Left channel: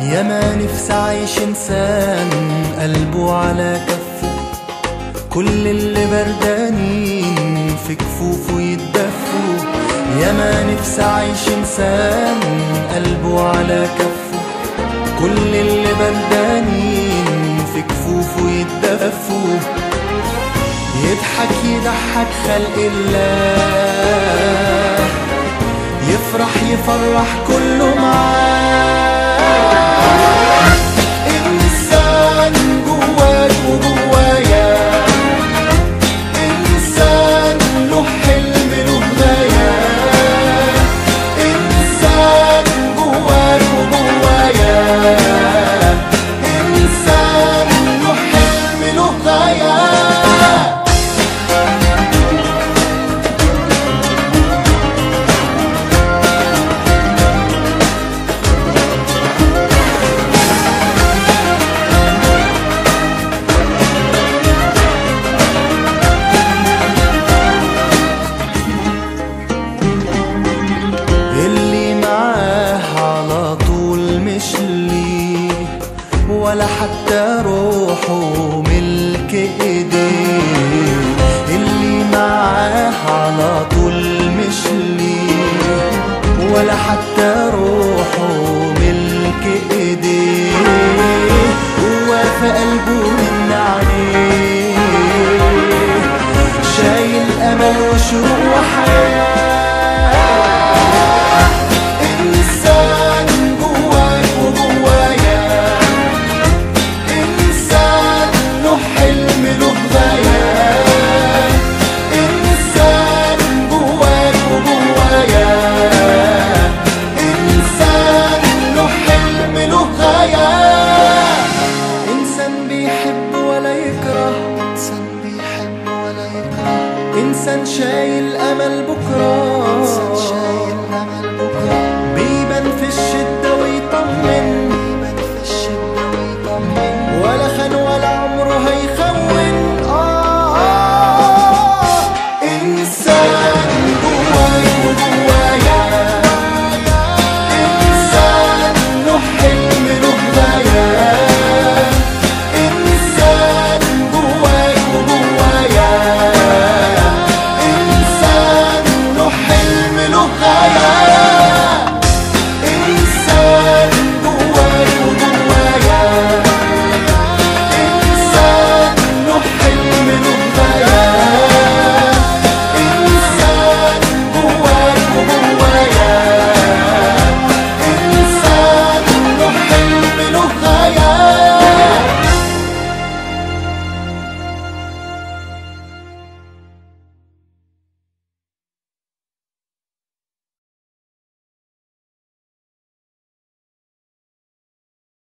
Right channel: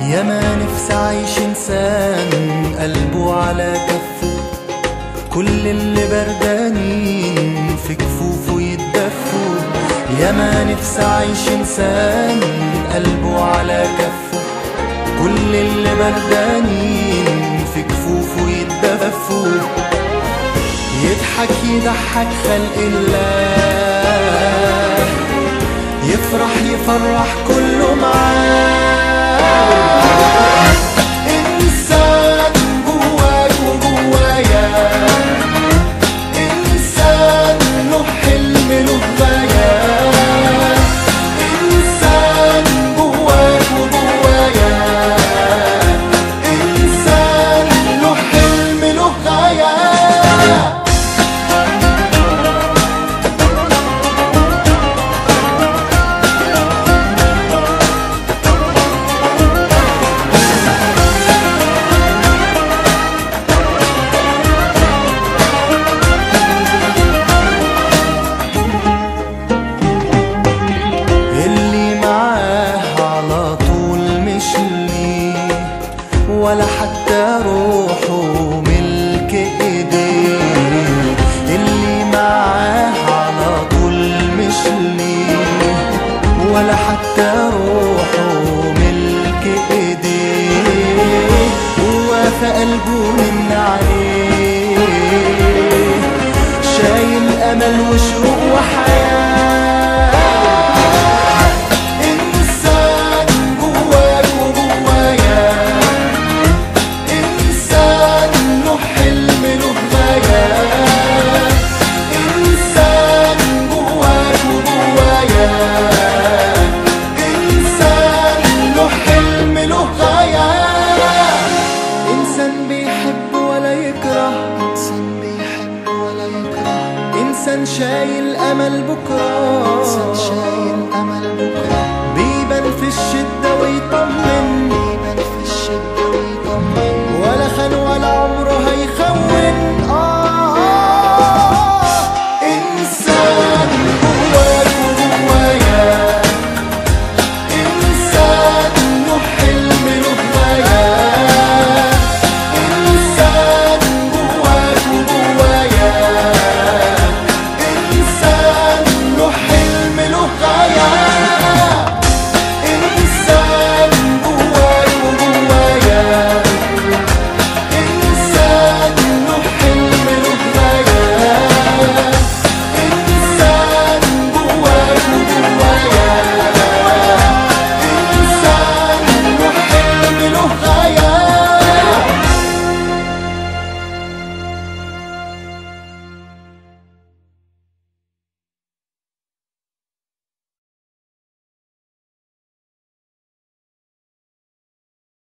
يا ما نفسي أعيش إنسان قلبه على كفه، كل اللي بردانين في كفوفه يتدفوا. يا ما نفسي أعيش إنسان قلبه على كفه، كل اللي بردانين في كفوفه يتدفوا. يضحك يضحك خلق الله، يفرح يفرح كله معاه. إنسان جواك وجوايا، إنسان له حلم له غاية. إنسان جواك وجوايا، إنسان له حلم له غاية. اللي معاه على طول مش ليه، ولا حتى روحه ملك ايديه. اللي معاه على طول مش ليه، ولا حتى روحه ملك ايديه. هو في قلبه من عليه، شايل امل وشوق وحياه. إنسان بيحب ولا يكره، إنسان شايل أمل بكرة، بيبان في الشدة ويطمن، ولا خان ولا عمره هيخون.